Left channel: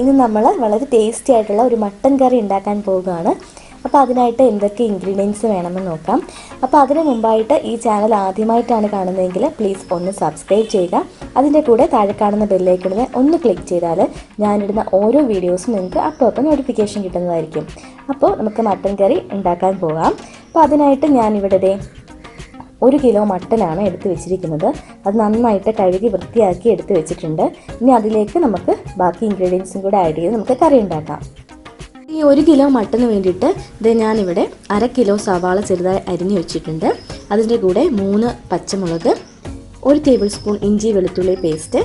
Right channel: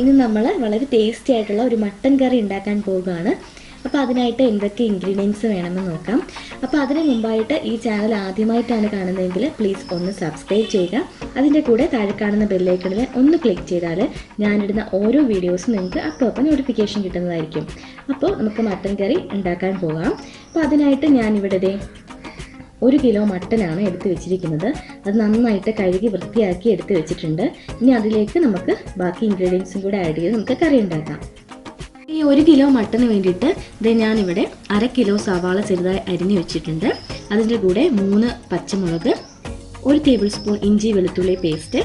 ഇനി നമ്മൾ വളരെ ടേസ്റ്റി ആയിട്ടുള്ള ഒരു മട്ടൻ കറി ഉണ്ടാക്കാൻ പോവുകയാണ്. അപ്പോൾ അതിനായിട്ട് എന്തൊക്കെ ഇൻഗ്രീഡിയൻസ് വേണമെന്ന് നോക്കാം. അപ്പോൾ അതിന് മുമ്പായിട്ട് ഈ ചാനൽ ആദ്യമായിട്ടാണ് കാണുന്നതെങ്കിൽ പ്ലീസ് ഒന്ന് സബ്സ്ക്രൈബ് ചെയ്യുക. അതിൻ്റെ കൂടെ താഴെ കാണുന്ന ബെല്ലൈക്കണിൽ ഒന്ന് ക്ലിക്ക് ചെയ്താൽ ഞാനിടുന്ന ഓരോ വീഡിയോസും നിങ്ങൾക്ക് അപ്പോൾ നോട്ടിഫിക്കേഷൻ കിട്ടുന്നതായിരിക്കും. അപ്പോൾ നമുക്ക് മട്ടൻ കറി ഉണ്ടാക്കാൻ പോകാം. അപ്പോൾ അതിനായിട്ട് ഞാനിവിടെ 1 കിലോ മട്ടനാണ് എടുത്ത് വെച്ചിരിക്കുന്നത്. അത് നന്നായിട്ട് കഴുകി വൃത്തിയാക്കി എടുത്ത് വെച്ചിട്ടുണ്ട്. ഇനി അതിലേക്ക് നമുക്ക് ബാക്കി ഇൻഗ്രീഡിയൻസും കൂടെ ആഡ് ചെയ്ത് നമുക്ക് കറി ഉണ്ടാക്കാം. ഈ 1 കിലോ മട്ടന് വേണ്ടിയിട്ട് ഞാനിവിടെ 1/2 കിലോ സവാള ചെറുതായി അരിഞ്ഞു വെച്ചിട്ടുണ്ട്. അതിൻ്റെ കൂടെ 3 പച്ചമുളക്, 1 ടേബിൾ സ്പൂൺ ഇഞ്ചി വെളുത്തുള്ളി പേസ്റ്റ്,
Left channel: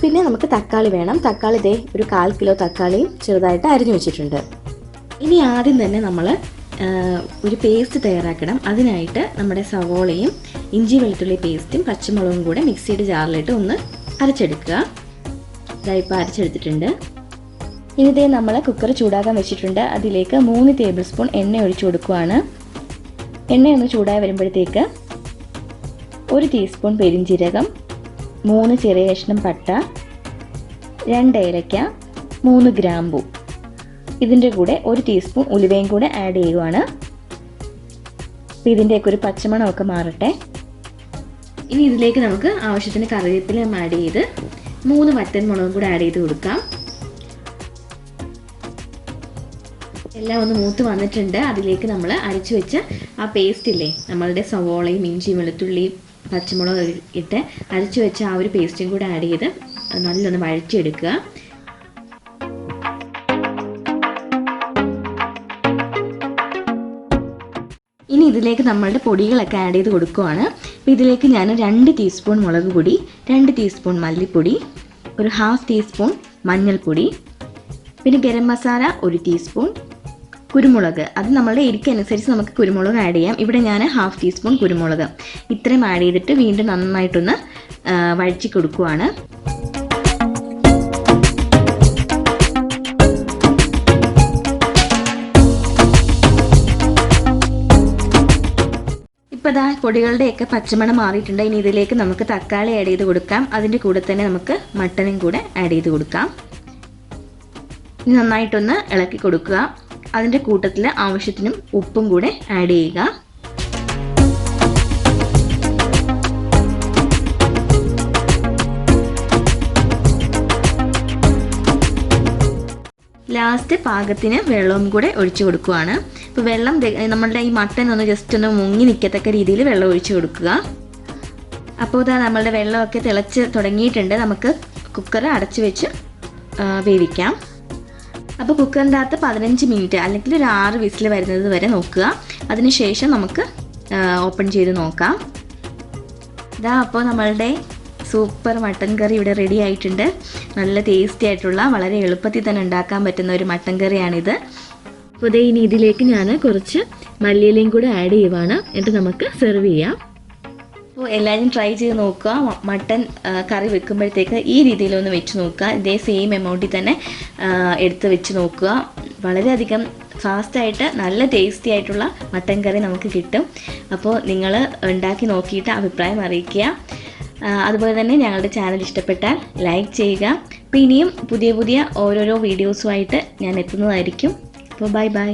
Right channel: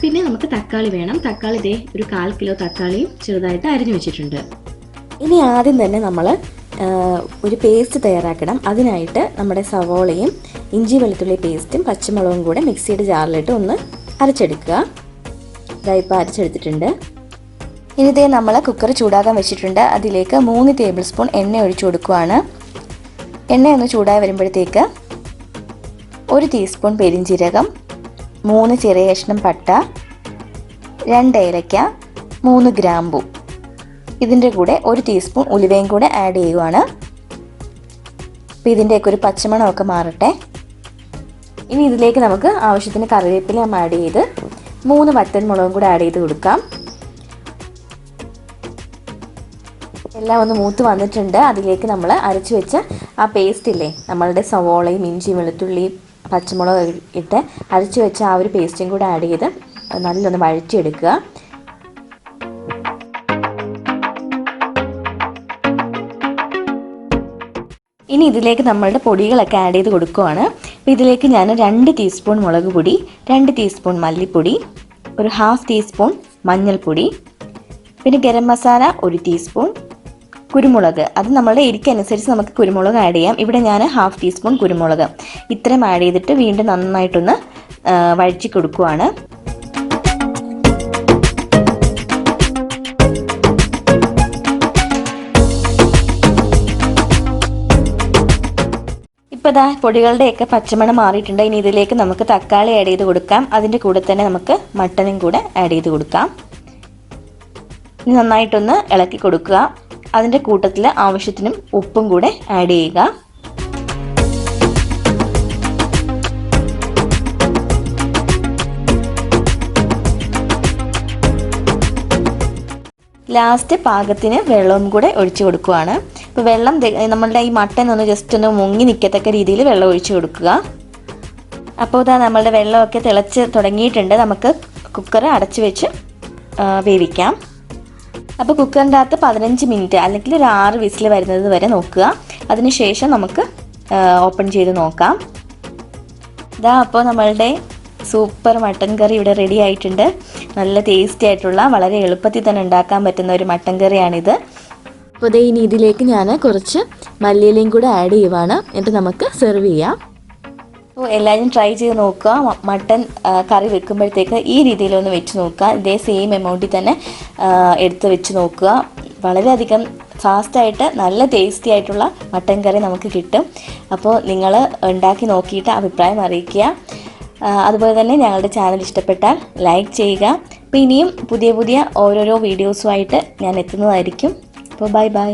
പിന്നെ നമുക്ക് തക്കാളി വേണം. തക്കാളി ഒരു 1/4 കിലോ തക്കാളിയും ചെറുതായിട്ട് അരിഞ്ഞു വെച്ചിട്ടുണ്ട്. ഇനി ആദ്യം തന്നെ നമ്മൾ ഒരു പേസ്റ്റ് തയ്യാറാക്കണം. അതിനായിട്ട് നമ്മുടെ സവോളയും ഇഞ്ചി വെളുത്തുള്ളി പേസ്റ്റും പച്ചമുളകും കൂടെ മിക്സിയുടെ ജാറിലിട്ട് ഒന്ന് അരച്ചെടുക്കുക. ഇപ്പോൾ അരച്ചെടുത്തിട്ടുണ്ട്. ഇനി നമ്മൾ കുക്കർ ചൂടാക്കാൻ വെച്ചിട്ടുണ്ട്. അതിലേക്ക് 3 ടേബിൾ സ്പൂൺ എണ്ണ ഒഴിച്ചു കൊടുക്കുകയാണ്. എണ്ണ ഒന്ന് ചൂടായി വരുമ്പോഴത്തേക്ക് 1 ടീസ്പൂൺ പെരിഞ്ജീരകം, 3 ചെറിയ കഷ്ണം പട്ട, 2 ഏലക്ക, 3 ഗ്രാമ്പൂ, ഇതിൻ്റെ കൂടെ 1 ടീസ്പൂൺ ഉലുവയും കൂടെ ആഡ് ചെയ്യുവാണ്. അപ്പോൾ ഇതിൻ്റെയൊക്കെ ഒരു പച്ചമണമൊക്കെ മാറട്ടെ. ഇനി ഇതിലേക്ക് നമുക്ക് ആവശ്യത്തിന് കറിവേപ്പില ആഡ് ചെയ്ത് 3 വറ്റൻ മുളകും കൂടെ ആഡ് ചെയ്ത് കൊടുക്കാം. എല്ലാം ഒന്ന് മൂത്ത് വന്നിട്ടുണ്ട്. അതിലേക്ക് നമ്മൾ അരച്ച് വെച്ച ആ പേസ്റ്റ് ഇല്ലേ, നമ്മളുടെ സവോളയും ഇഞ്ചി വെളുത്തുള്ളിയും പച്ചമുളക് ഇട്ട് അരച്ച് വെച്ച ആ ഒരു പേസ്റ്റും കൂടെ ആഡ് ചെയ്ത് നല്ലൊന്ന് വഴറ്റിയെടുക്കുക. ഇനി ഇതിലേക്ക് നമ്മളുടെ പൊടികളൊക്കെ ആഡ് ചെയ്ത് കൊടുക്കുകയാണ്. അപ്പോൾ ഇതിലേക്ക് ഞാൻ 2 ടീസ്പൂൺ മുളക് പൊടി, 2 ടീസ്പൂൺ മല്ലിപ്പൊടി, ഒരു 1/2 ടീസ്പൂൺ മഞ്ഞൾപ്പൊടി, പിന്നെ ഗരം മസാല 1 ടീസ്പൂൺ, കുരുമുളക് അത് നമ്മളുടെ എരിക്കനുസരിച്ച് നമുക്ക് കുരുമുളക് ആഡ് ചെയ്യാം. ഇവിടെ ഞാൻ 1/2 ടീസ്പൂൺ കുരുമുളക് ഇത്രയും ആഡ് ചെയ്തിട്ട് വീണ്ടും നന്നായിട്ടൊന്ന് വഴറ്റി കൊടുക്കുകയാണ്. ഇപ്പോൾ പൊടികളുടെയൊക്കെ പച്ചമണം മാറിയിട്ടുണ്ട്. ഇനി ഇതിലേക്ക് നമുക്ക് തക്കാളി ആഡ് ചെയ്ത് കൊടുക്കാം. അതിൻ്റെ കൂടെ തന്നെ നമുക്ക് മട്ടനും കൂടെ ആഡ് ചെയ്ത് കൊടുക്കാം. ഇനി നന്നായിട്ടൊന്ന് ഇളക്കി കൊടുക്കുക. അതിൻ്റെ കൂട്ടത്തിൽ ആവശ്യത്തിനും ഉപ്പും കൂടെ ആഡ് ചെയ്യുക. ലാസ്റ്റ് പാകത്തിന് വെള്ളവും കൂടെ ഒഴിച്ചു കൊടുക്കുകയാണ്. ഇപ്പോൾ വെള്ളം നമ്മളുടെ ഈ മട്ടൻ ഒന്ന് ജസ്റ്റ് ഒന്ന് മുങ്ങി നിൽക്കത്തക്ക രീതിയിൽ വെള്ളം ഒഴിച്ചു കൊടുക്കുക. അപ്പോൾ നമ്മളുടെ വെള്ളമൊക്കെ തിളച്ച് തുടങ്ങിയിട്ടുണ്ട്. നമുക്ക് കുക്കർ അടച്ച് വെച്ച് വേവിക്കാം. അപ്പോൾ കുക്കറിൻ്റെ അകത്ത് 15 മിനിറ്റ് അല്ലെങ്കിൽ ഒരു 6 വിസിൽ വരുന്നത് വരെ നോക്കുക. അതിനുശേഷം നമുക്ക് ഓപ്പൺ ചെയ്ത് നോക്കാം. അപ്പോൾ നമ്മളുടെ സൂപ്പർ മട്ടൻ കറി ഇവിടെ റെഡി ആയിട്ടുണ്ട്. നല്ല ടേസ്റ്റി ആയിട്ടുള്ള വളരെ എളുപ്പത്തിൽ തന്നെ ഉണ്ടാക്കാൻ പറ്റുന്ന ഒരു മട്ടൻ കറിയാണിത്. അപ്പോൾ ഇനി ഇതിലേക്ക് ഞാൻ കുറച്ച് മല്ലിയിലയും കൂടെ ആഡ് ചെയ്യുവാണ്. എന്നിട്ട് നമുക്ക് സെർവ് ചെയ്യാം. അപ്പോൾ എല്ലാവരും ട്രൈ ചെയ്ത് നോക്കുക. മട്ടൻ കറി വെക്കുമ്പോഴത്തേക്ക് ഈ രീതിയിലൊന്ന് വെച്ച് നോക്കുക. ഇതേ സെയിം എമൗണ്ടിൽ തന്നെ എടുത്ത് വെച്ച് നോക്കുക. വളരെയധികം ഫാസ്റ്റായിട്ട് നല്ല ടേസ്റ്റി ആയിട്ടുള്ള മട്ടൻ കറി നമുക്ക് കിട്ടും. അപ്പോൾ നിങ്ങൾ ഉണ്ടാക്കി നോക്കിയിട്ട് അഭിപ്രായം അറിയിക്കുക. അതുപോലെ തന്നെ ഞങ്ങളുടെ ചാനൽ ഇഷ്ടപ്പെട്ടാൽ ലൈക്ക് ചെയ്യുക. അപ്പോൾ ഇനിയും പുതിയ ഓരോരോ വീഡിയോസുമായിട്ട് ഞാൻ എത്തുന്നതായിരിക്കും. അപ്പോൾ ബൈ.